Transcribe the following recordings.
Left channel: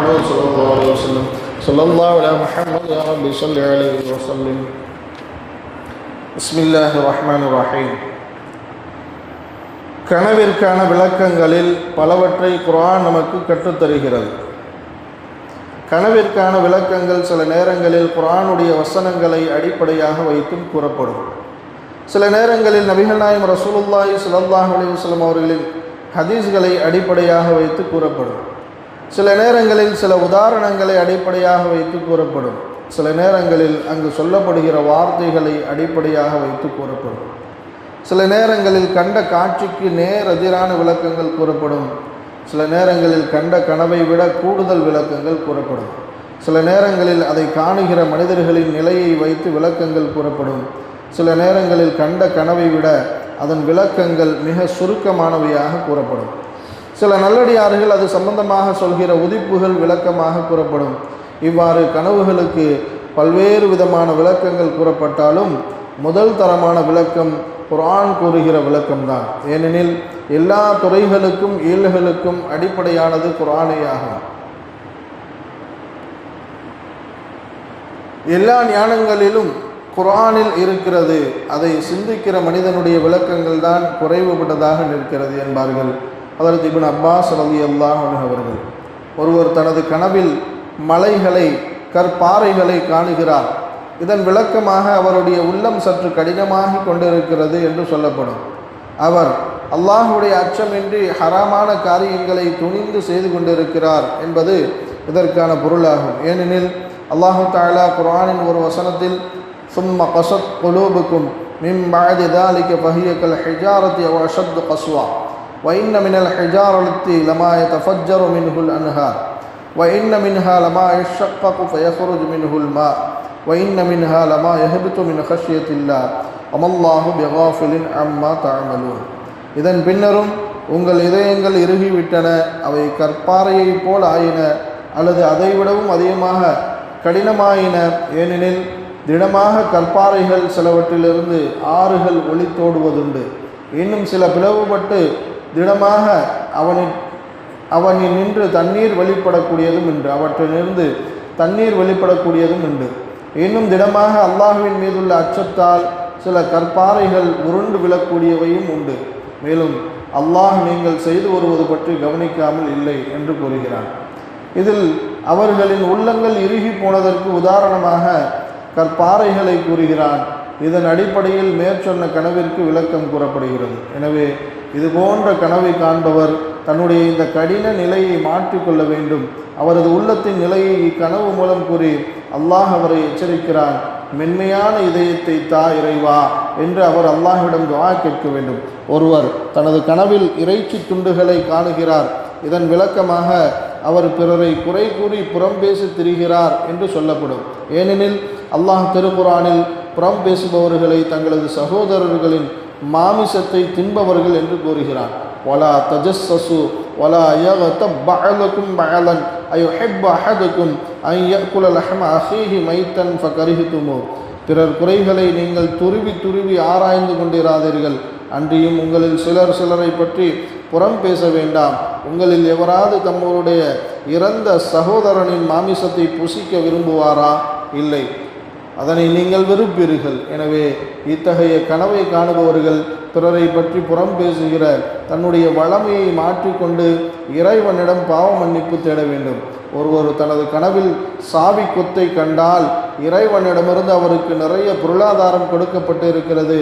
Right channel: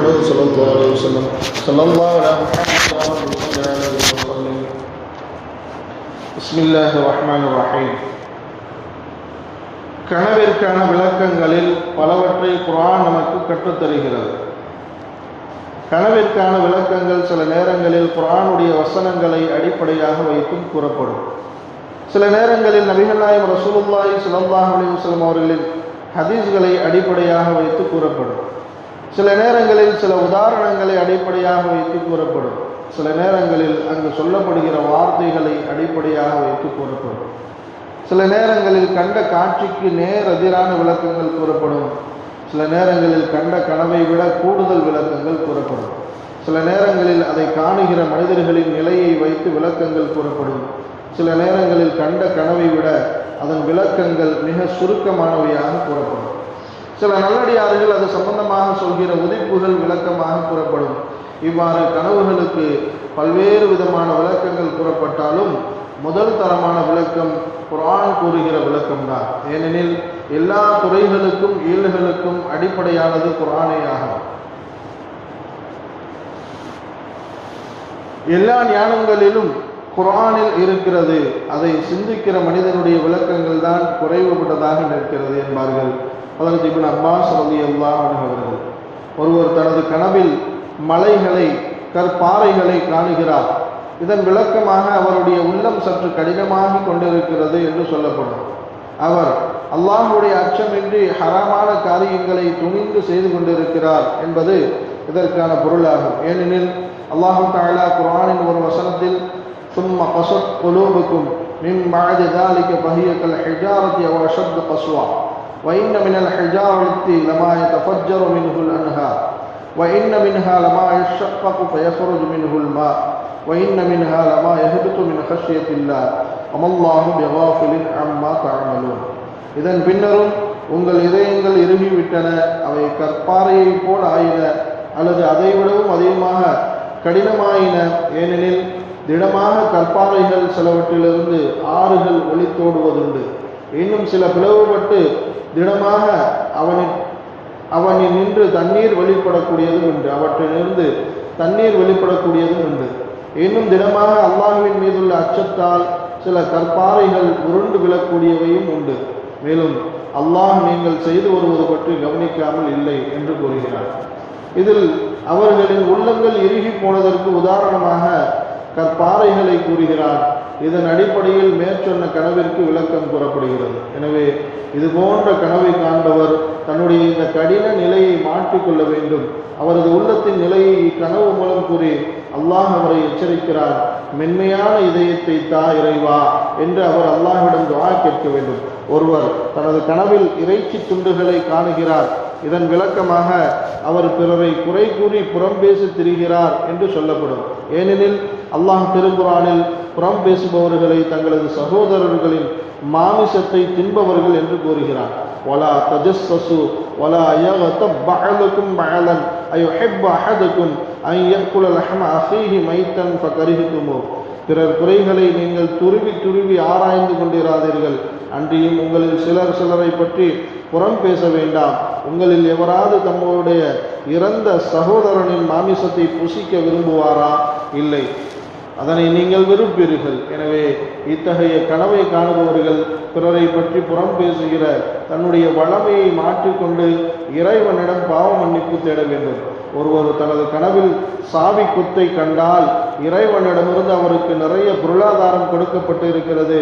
محمد صلى الله عليه وسلم صلى الله على محمد وآله صلى عليه وسلم بسم الله الرحمن الرحيم. கனவிற்கான விளக்கங்களில் பலவற்றை குர்ஆன் நமக்கு கற்றுத்தருகிறது. கனவிற்கான விளக்கங்கள் சில நேரங்களில் குர்ஆனுடைய வசனங்களை அடிப்படையாக வைத்தும் கூறப்படும். சில நேரங்களில் நபிகள் நாயகம் ரசூலுல்லாஹி ஸல்லல்லாஹு அலைஹி வஸல்லம் அவர்களின் ஹதீஸ்களை அடிப்படையாக வைத்து கூறப்படும். சில நேரங்களில் சில உதாரணங்களை அடிப்படையாக வைத்து கூறப்படும். சில நேரங்களில் அங்கு சொல்லப்படுகிற வார்த்தைகளை அடிப்படையாக வைத்து கூறப்படும். சில நேரங்களில் கண்ட காட்சிக்கு நேர் எதிரான விளக்கங்கள் கூறப்படும். சில நேரங்களில் கண்ட கனவை விட கூடுதல் விளக்கங்கள் கூறப்படும். சில நேரங்களில் அதை காணுகிற மனிதர்களின் நிலையை வைத்து விளக்கங்கள் கூறப்படும். சில நேரங்களில் கண்ட கனவை விட அதன் விளக்கங்கள் மிக சுருக்கமானவையாக கூறப்படும். சில நல்லடியார்கள் அது சம்பந்தமாக சொல்கிற உதிப்புகள் விளக்கமாக கூறப்படும். இவ்வாறு கனவுகளுக்கு பல்வேறு விதமான விளக்கங்கள் கூறப்பட்டாலும் முதல் தரமான விளக்கம் குர்ஆன் கூறுகிற விளக்கம்தான். ஏனெனில் எல்லா துறைகளுக்கும் இயல்களுக்கும் அடிப்படையானது குர்ஆனே ஆகும். எல்லா ஞானங்களிலும் குர்ஆனில் இருக்கிறது. அதை சிந்திக்கிற மனிதனுடைய விளக்கங்கள் தான் குறைவுபட்டதாக நிற்கிறது என்பார்கள் ஹஜ்ரத் இப்னு அப்பாஸ் ரலியல்லாஹு அன்ஹு அவர்கள். ஒருவர் தனது கனவில் மலைகளை கற்பாறைகளை காணுகிறார். இதன் விளக்கமாக அவருடைய உள்ளம் சற்று கடினமாகி கொண்டிருக்கிறது என்று சொல்லப்படும். அவர் அல்லாஹ்வுடைய அச்சமின்றி ஹராமான காரியங்களை துணிந்து செய்து கொண்டிருக்கிறார் என்பது இதற்கான பொருளாகும். ஏனெனில் அல்லாஹு தஆலா குர்ஆனின் ஒரு வசனத்தில் சும்ம கஸத் குலூபுக்கும் மின் பஅதி ذلك فهي كالحجارة أو أشد قسوة وإن من الحجارة لما يتفجر منه الأنهار وإن منها لما يشقق فيخرج منه الماء وإن منها لما يهبط من خشية الله وما الله بغافل عما تعملون. இதன் பின்னரும் உங்கள் இதயங்கள் இறுகிவிட்டன, அவை கற்பாறையை போல் ஆயின அல்லது அதைவிடவும் அதிகமாக கடினமாயின. ஏனெனில் திடமாக கற்பாறைகள் சிலவற்றிலிருந்து ஆறுகள் ஒளித்தோடுவதுண்டு. இன்னும் சில பிளவுபட்டு திடமாக அவனில் நின்று தண்ணீர் வெளிப்படக்கூடியதும் உண்டு. அவற்றிலிருந்து தண்ணீர் வெளிப்படக்கூடியதும் உண்டு. இன்னும் திடமாக அல்லாஹ்வின் மீதுள்ள அச்சத்தால் சில கற்பாறைகள் உருண்டு விழக்கூடியவையும் உண்டு. மேலும் அல்லாஹ் நீங்கள் செய்து வருவது பற்றி கவனிக்காமல் இல்லை என்று கூறுகிறார். இதில் அவர்களின் உள்ளங்கள் இறுகி போனதற்கு உதாரணமாக கற்பாறைகளை கூறுகிறார். இதன் அடிப்படையில் மேற்சொன்ன கனவிற்கு விளக்கம் கூறப்படுகிறது. எனவே இது போன்ற கனவை காண்பவர் தன்னுடைய இந்த கடின நிலையை மாற்றிக்கொள்ள வேண்டும். அவரது உள்ளத்தின் நிலையை இக்கனவு மூலம் கூறி அல்லாஹ் அவரை எச்சரிக்கிறார். மென்மையான இதயத்தை தா இறைவா என்று அவர் அல்லாஹ்விடம் துஆ கேட்க வேண்டும். ஒருவர் தனது கனவில் இறைச்சி துண்டுகளை காணுகிறார். இதன் விளக்கமாக அவர் பிறரை குறை கூறி புறம் பேசி திரிகிறார் என்று சொல்லப்படும். ஏனெனில் அல்லாஹ் திருக்குர்ஆனில் புறம் பேசுபவர்களை தங்களது சகோதரர்களின் மாமிசத்தை தின்பவர்கள் என்று கூறுகிறார். வலா தஜஸ்ஸசு வலா யக்தப் பஅலுக்கும் பஅலன் அயுஹிப்பு அஹதுக்கும் அன் யஅகுல லஹ்ம அஹீஹி மைத்தன் ஃபகரிஹ்துமு. பிறர் குறைகளை நீங்கள் துருவி துருவி ஆராய்ந்து கொண்டிராதீர்கள். அன்றியும் உங்களில் சிலர் சிலரை பற்றி புறம் பேச வேண்டாம். உங்களில் எவராது தங்களுடைய இறந்த சகோதரனின் மாமிசத்தை புசிக்க விரும்புவாரா? இல்லை, அதனை நீங்கள் விரும்புவீர்கள். எனவே இத்தகைய கனவை காணுபவர்கள் பிறரை பற்றி புறம் பேசுகிற தன்னுடைய வளமையை மாற்றிக்கொண்டு இறைவனிடம் பாவ மன்னிப்பு தேட வேண்டும். ஒருவர் தனது கனவில் சாவி கொத்தை கண்டால் இறைவனிடமிருந்து அவருக்கு நிறைய பொருளாதாரம் கொடுக்கப்பட்டு இருக்கிறது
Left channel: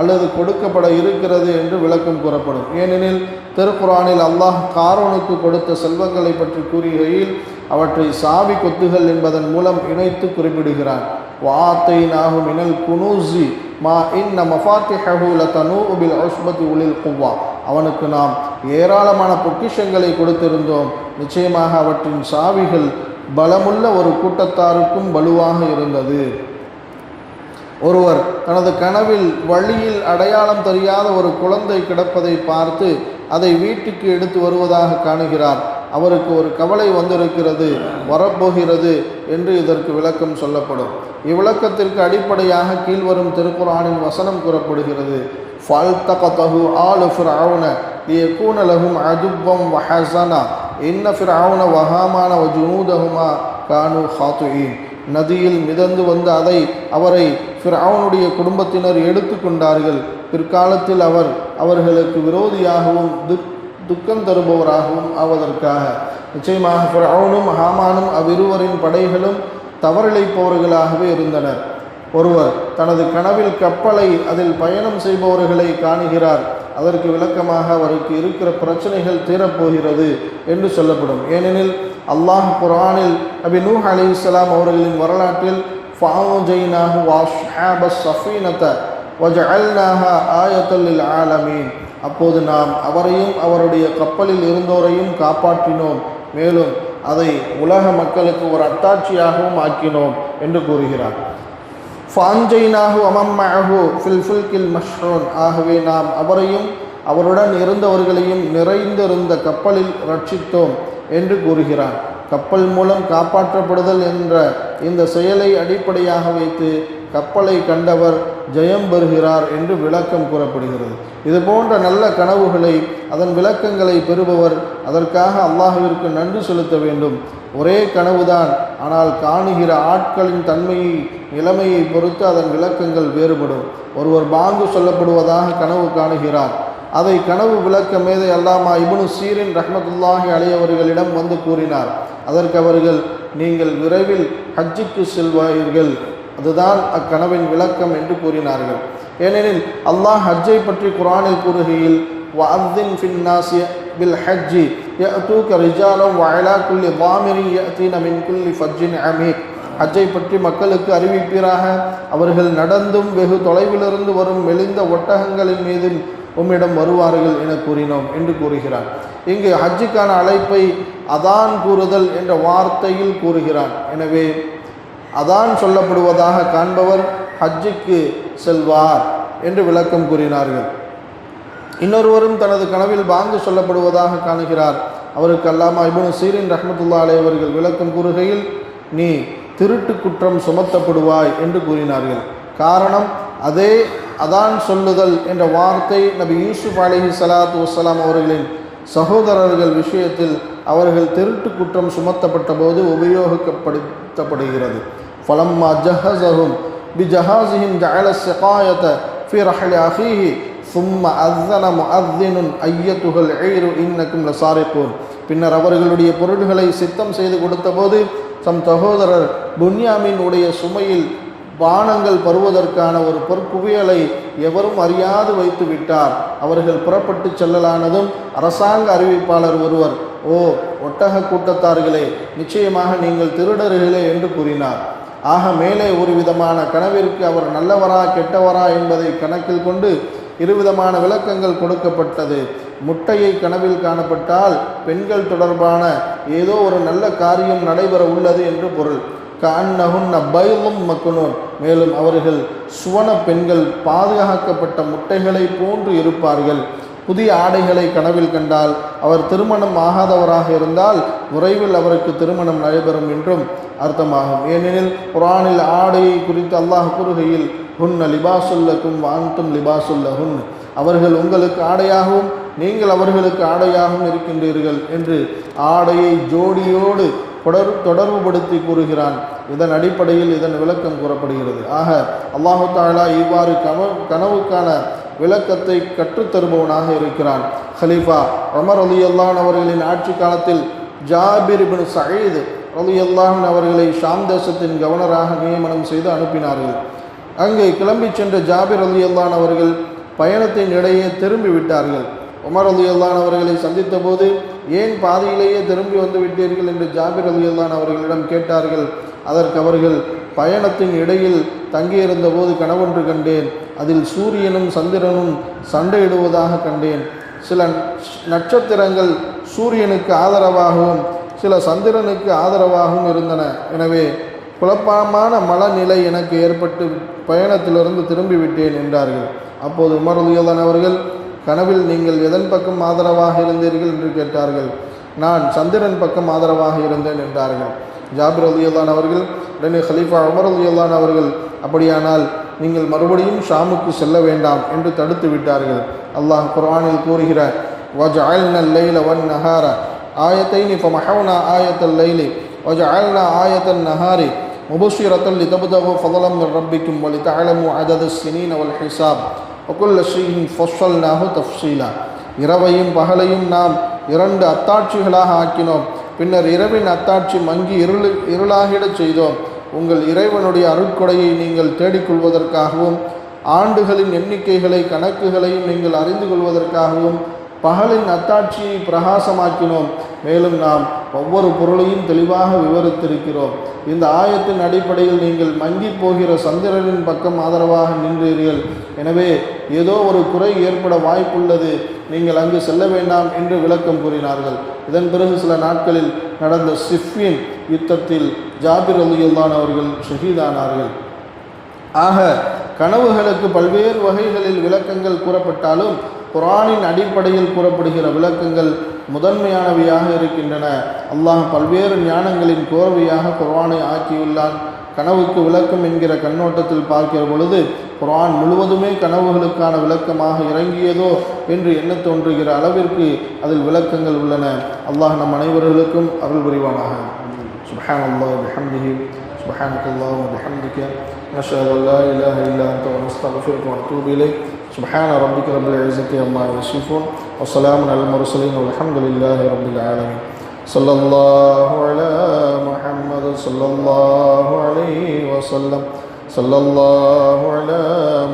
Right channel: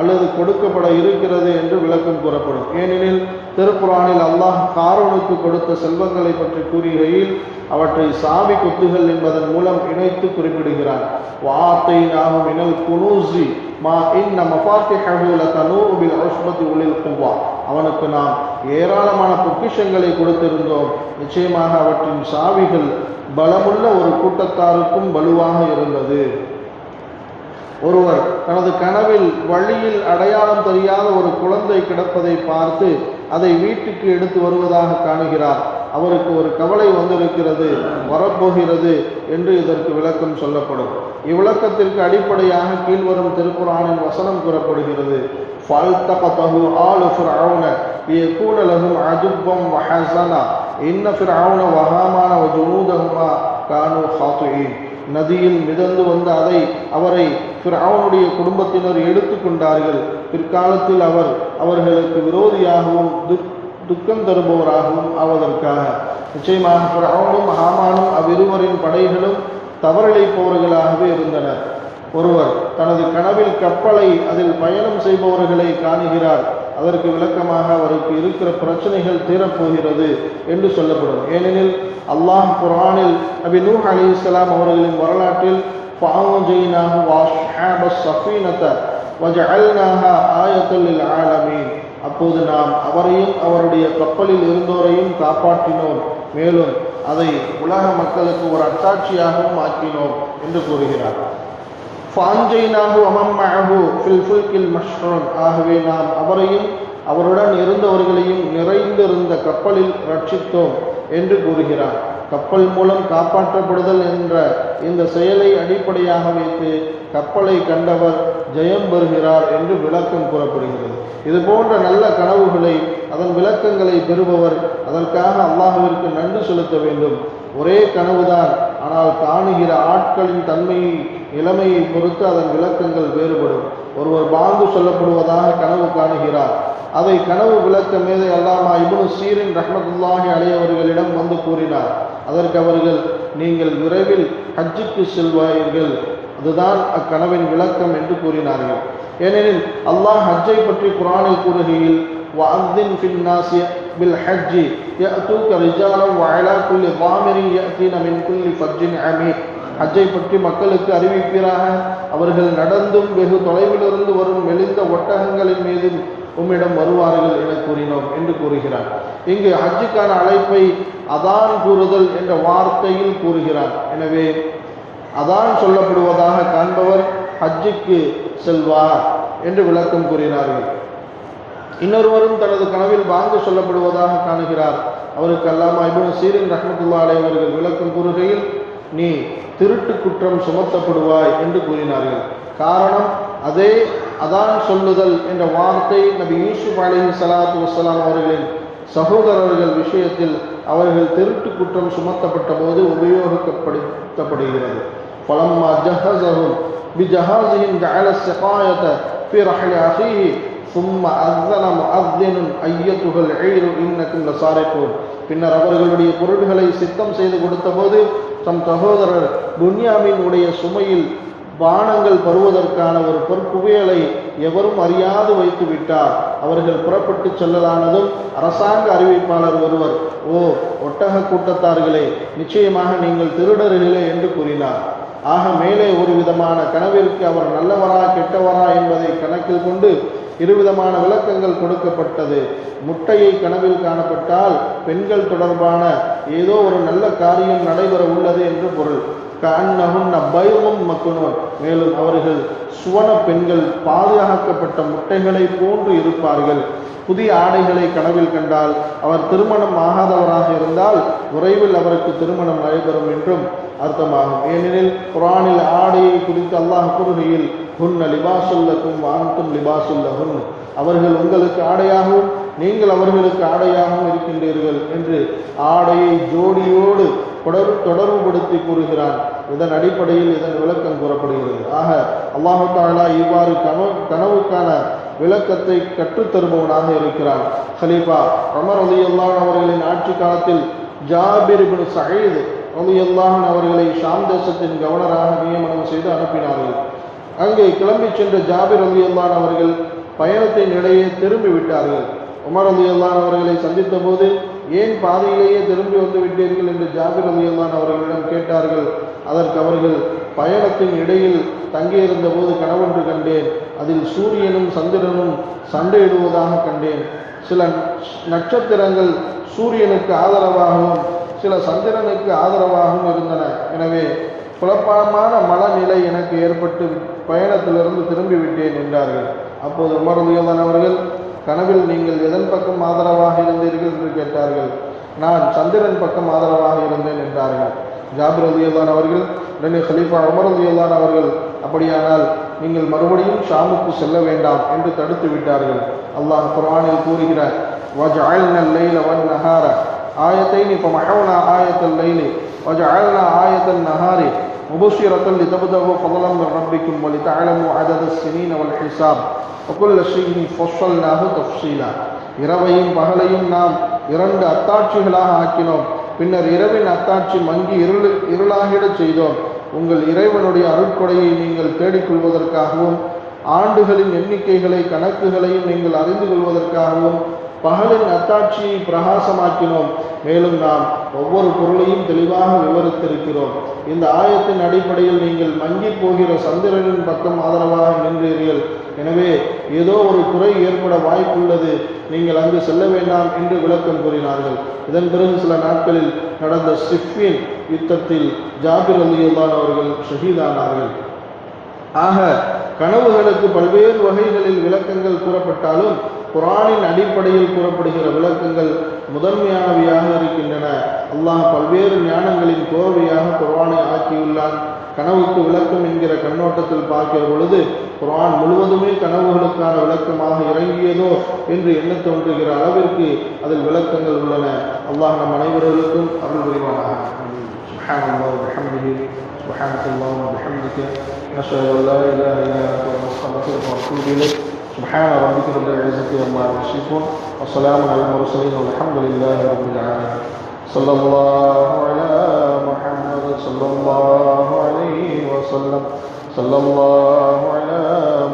அல்லது கொடுக்கப்பட இருக்கிறது என்று விளக்கம் கூறப்படும். ஏனெனில் திருக்குர்ஆனில் அல்லாஹ் காரூனுக்கு கொடுத்த செல்வங்களை பற்றி கூறுகையில் அவற்றை சாவி கொத்துகள் என்பதன் மூலம் இணைத்து குறிப்பிடுகிறார். வஆத்தைனாஹு மினல் குனூஸி மா இன்ன மஃபாத்திஹஹு லதனூஉ பில் உஸ்பத்தி உலில் குவ்வா. அவனுக்கு நாம் ஏராளமான பொக்கிஷங்களை கொடுத்திருந்தோம். நிச்சயமாக அவற்றின் சாவிகள் பலமுள்ள ஒரு கூட்டத்தாருக்கும் வலுவாக இருந்தது. ஒருவர் தனது கனவில் வழியில் அடையாளம் தெரியாத ஒரு குழந்தை கிடப்பதை பார்த்து அதை வீட்டுக்கு எடுத்து வருவதாக காணுகிறார். அவருக்கு ஒரு கவலை வந்திருக்கிறது, வரப்போகிறது என்று இதற்கு விளக்கம் சொல்லப்படும். இவ்விளக்கத்திற்கு அடிப்படையாக கீழ்வரும் திருக்குர்ஆனின் வசனம் கூறப்படுகிறது. فَالْتَقَطَهُ آلُ فِرْعَوْنَ لِيَكُونَ لَهُمْ عَدُوًّا وَحَزَنًا إِنَّ فِرْعَوْنَ وَهَامَانَ وَجُنُودَهُمَا நதியில் மிதந்து வந்த அவரை ஃபிர்அவுனுடைய குடும்பத்தினர் எடுத்து கொண்டார்கள். பிற்காலத்தில் அவர்களுக்கு விரோதியாகவும் துக்கம் தருபவராகவும் ஆவதற்காக. நிச்சயமாக ஃபிர்அவுனும் ஹாமானும் அவ்விருவரின் படைகளும் தவறிழைப்பவர்களாகவே இருந்தனர். ஒருவர் தனது கனவில் கப்பலை அதில் பயணம் செய்பவர்களை காணுகிறார். அதற்கு விளக்கமாக அவருக்கு இருக்கிற பிரச்சனைகள் தீரப்போகிறது என்று சொல்லப்படும். ஏனெனில் அல்லாஹ் குர்ஆனில் நபி நூஹ் அலைஹிஸ்ஸலாம் அவர்களின் வரலாற்றில் ஃபஅன்ஜைனாஹு வஅஸ்ஹாபஸ் ஸஃபீனத வஜஅல்னாஹா ஆயத்தல் லில் ஆலமீன், அப்போது நாம் அவரையும் அவருடைய கப்பலில் இருந்தோரையும் காப்பாற்றினோம், மேலும் அதை உலக மக்களுக்கு ஒரு அத்தாட்சியாகவும் ஆக்கினோம் என்று கூறுகிறார். ஃபஅன்ஜைனாஹு வமன் மஅஹு ஃபில் ஃபுல்கில் மஷ்ஹூன், ஆகவே நாம் அவரையும் அவருடன் இருந்தவர்களையும் நிறைந்திருந்த கப்பலில் ரட்சித்தோம் என்று கூறுகிறார். கப்பல் மூலம் காப்பாற்றப்படுதல் என்ற இந்த செயலை அடிப்படையாக வைத்து கப்பலை கண்டவர் ஜெயம் பெறுகிறார் என்று விளக்கம் கூறப்படுகிறது. இது போன்ற நல்ல கனவுகளை அதன் விளக்கங்களை பெறுபவர் அதற்காக அல்லாஹ்விற்கு நன்றி செலுத்த வேண்டும். ஒரே கனவுதான், ஆனால் காணுகிற ஆட்களின் தன்மையை நிலைமையை பொறுத்து அதன் விளக்கங்கள் வேறுபடும். ஒருவர் பாங்கு சொல்லப்படுவதாக கனவு காணுகிறார். அதை கனவு விளக்க மேதை அல்லாமா இப்னு சீரின் ரஹ்மத்துல்லாஹி அலைஹி அவர்களிடம் வந்து கூறினார். அதற்கு அவர்கள், நீங்கள் விரைவில் ஹஜ்ஜுக்கு செல்வார்கள், அதுதான் அக்கனவின் விளக்கம் என்று கூறினார்கள். ஏனெனில் அல்லாஹ் ஹஜ்ஜை பற்றி குர்ஆனில் கூறுகையில் வஅذின் ஃபின் நாஸி பில் ஹஜ்ஜி யஅதூக ரிஜாலன் வஅலா குல்லி ضامرin يأتين من كل فج عميق, ஹஜ்ஜை பற்றி மக்களுக்கு அறிவிப்பீராக, அவர்கள் நடந்தும் வெகு தொலைவிலிருந்து வரும் மெலிந்த ஒட்டகங்களின் மீது உம்மிடம் வருவார்கள் என கூறினோம் என்று கூறுகிறார். இங்கு ஹஜ்ஜுக்கான அழைப்பை அதான் கூறுதல் என்ற வார்த்தையில் கூறுகிறார். எனவே அதான் சொல்லப்படுவதாக காண்பவர் ஹஜ்ஜுக்கு செல்வார் என்று விளக்கம் கூறினார்கள். இன்னொருவரும் தனது கனவில் பாங்கு சொல்லப்படுவதாக காணுகிறார். அவருக்கு அல்லாமா இப்னு சீரின் ரஹ்மத்துல்லாஹி அலைஹி அவர்கள் விளக்கம் கூறுகையில், நீ திருட்டு குற்றம் சுமத்தப்படுவாய் என்று கூறினார்கள். காரணம், அதே அதான் சொல்லுதல் என்ற வார்த்தை நபி யூசுப் அலைஹிஸ்ஸலாத்து வஸ்ஸலாம் அவர்களின் சகோதரர்கள் விஷயத்தில் அவர்கள் திருட்டு குற்றம் சுமத்தப்பட்ட போது உபயோகப்படுத்தப்படுகிறது. ஃபலம்மா ஜஹஸஹும் பிஜஹாஸிஹிம் ஜஅல ஸிகாயத ஃபீ ரஹ்லி அஃபீஹி ثم أذن مؤذن أيتها العير إنكم لسارقون, பின்னர் அவர்களுடைய பொருள்களை சித்தம் செய்து கொடுத்த போது தம் சகோதரர் புன்யாமின் உடைய சுமையில் பானங்கள் பருவதற்கான ஒரு பொற்குவியலை எவரும் அறியாது வைத்து விட்டார். அவர்கள் புறப்பட்டு செல்லலானதும் அரசாங்க அறிவிப்பாளர் ஒருவர், ஓ ஒட்டக கூட்டத்தார்களே, நிச்சயமாக நீங்கள் திருடர்களே என்று கூறினார். ஆக மேலே ஒரு விதமான கனவிற்கு அவர் நல்லவரா கெட்டவரா என்பதை கணக்கில் கொண்டு இருவிதமான விளக்கங்கள் கொடுக்கப்பட்டது. முட்டையை கனவில் காணப்பட்டால் பெண்கள் தொடர்பான ஏதோ ஒரு நல்ல காரியம் நடைபெற உள்ளது என்று பொருள். கஅன்னஹுன்ன பைதும் மக்னூன், மேலும் அவர்கள் சுவன பெண்கள், பாதுகாக்கப்பட்ட முட்டைகளை போன்று இருப்பார்கள். புதிய ஆடைகளை கனவில் கண்டால் அவர் திருமணம் ஆகாதவராக இருந்தால் விரைவில் அவருக்கு திருமணம் நடைபெறும் என்றும் அர்த்தமாகும். ஏனெனில் குர்ஆனில் ஆடையை குறித்து அல்லாஹ் கூறுகையில், ஹுன்ன லிபாசுல்லக்கும் வான்தும் லிபாசுல்லஹுன், அவர்கள் உங்களுக்கு ஆடையாகவும் நீங்கள் அவர்களுக்கு ஆடையாகவும் இருக்கின்றீர்கள் என்று ஆடையை ஜோடியோடு தொடர்புபடுத்தி கூறுகிறான். இதன் அடிப்படையில் இதன் விளக்கம் கூறப்படுகிறது. ஆக அல்லாஹு தஆலா இவ்வாறு கனவுக்கான விளக்கத்தை கற்றுத்தருபவனாக இருக்கிறான். ஹலீஃபா உமர் ரலியல்லாஹு அவர்களின் ஆட்சி காலத்தில் ஜாபிர் இப்னு சயீத் ரலியல்லாஹு அவர்களை ஷாம் தேசத்தின் கவர்னராக நியமனம் செய்து அனுப்பினார்கள். அங்கே கிளம்பி சென்ற ஜாபிர் ரலியல்லாஹு அவர்கள் பயணத்தின் இடையே திரும்பி விட்டார்கள். உமர் ரலியல்லாஹு அவர்களை சந்தித்த போது, ஏன் பாதையிலேயே திரும்பி வந்து விட்டீர்கள் என்று ஜாபிர் ரலியல்லாஹு அவர்களிடம் கேட்டார்கள். அதற்கு அவர்கள், பயணத்தின் இடையில் தங்கியிருந்த போது கனவொன்று கண்டேன். அதில் சூரியனும் சந்திரனும் சண்டையிடுவதாக கண்டேன். சில நட்சத்திரங்கள் சூரியனுக்கு ஆதரவாகவும் சில சந்திரனுக்கு ஆதரவாகவும் இருந்தன. எனவே குழப்பமான மனநிலை எனக்கு ஏற்பட்டு பயணத்திலிருந்து திரும்பி விட்டேன் என்றார்கள். அப்போது உமர் ரலியல்லாஹு அவர்கள், கனவில் நீங்கள் எதன் பக்கம் ஆதரவாக இருந்தீர்கள் என்று கேட்டார்கள். நான் சந்திரன் பக்கம் ஆதரவாக இருந்தேன் என்றார்கள். ஜாபிர் ரலியல்லாஹு அவர்கள் உடனே ஹலீஃபா உமர் ரலியல்லாஹு அவர்கள், அப்படியானால் நீங்கள் மறுபடியும் ஷாமுக்கு செல்ல வேண்டாம் என்று தடுத்து விட்டார்கள். அல்லாஹ் குர்ஆனில் கூறுகிறார், வஜஅல்னா அல்லைல வன்னஹார ஆயத்தைனி ஃபமஹவ்னா ஆயத்தல் லைலி வஜஅல்னா ஆயத்தன் நஹாரி مبشرة لتبتغوا فضلا من ربكم ولتعلموا عدد السنين والحساب وكل شيء فصلناه تفصيلا. இரவையும் பகலையும் நாம் இரண்டு அத்தாட்சிகளாக ஆக்கினோம். பின்னர் இரவின் அத்தாட்சி மங்கி இருளாகிடச் செய்தோம். உங்கள் இறைவனுடைய அருட்கொடையை நீங்கள் தேடிக்கொள்வதற்காகவும் ஆண்டுகளின் எண்ணிக்கைகளை கணக்குகளையும் நீங்கள் அறிந்து கொள்வதற்காகவும் பகலின் அத்தாட்சியை பிரகாசமாக்கினோம். மேலும் நாம் ஒவ்வொரு பொருளையும் தெளிவாக விவரித்திருக்கிறோம். இந்த ஆயத்தின் அடிப்படையில் நீங்கள் மங்கி போகிற சந்திரனின் பக்கம் ஆதரவாக நின்றீர்கள். எனவே ஏதோ ஒரு குறை ஏற்பட வாய்ப்புள்ளது, நீங்கள் அங்கு செல்ல வேண்டாம் என்று விளக்கம் கூறினார்கள். இதன் பிறகு சில நாட்களில் நடந்த சிஃபின் யுத்தத்தில் ஜாபிர் ரலியல்லாஹு அவர்கள் ஷஹீதானார்கள். ஆக கனவுகளுக்கு பல்வேறு வகைகளில் விளக்கங்கள் கூறப்பட்டாலும் குர்ஆனின் அடிப்படையில் கூறப்படுகிற விளக்கங்கள் முதன்மையானவையாக இருக்கின்றன. அல்லாஹ் பல்வேறு ஞானங்களின் கோர்வையாக குர்ஆனை ஆக்கியுள்ளான். கனவுக்கு விளக்கம் என்கிற கண்ணோட்டத்தில் பார்க்கிற பொழுது குர்ஆன் முழுவதுமே கனவுகளுக்கான விளக்கமாக இறங்கியதோ என்று எண்ண தோன்றுகிற அளவிற்கு அதில் விளக்கங்கள் உள்ளன. அல்லாஹ் நம் அனைவர்களுக்கும் அருள் புரிவானாக. சுப்ஹானல்லாஹ் வ பிஹம்திஹி சுப்ஹானல்லாஹ் வ பிஹம்திஹி அஷ்ஹது அல்லா இலாஹா இல்லா அன்த அஸ்தக்ஃபிருக வ அத்தூபு இலைக். سبحان ربك رب العزة عما يصفون وسلام على المرسلين والحمد لله رب العالمين. صلى الله على محمد صلى الله عليه وسلم. صلى الله على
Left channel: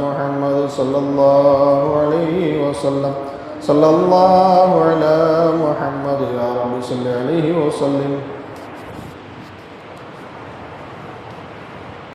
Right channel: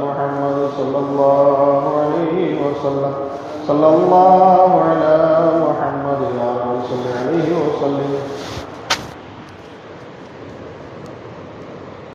محمد صلى الله عليه وسلم. صلى الله على محمد يا رب صل عليه وسلم.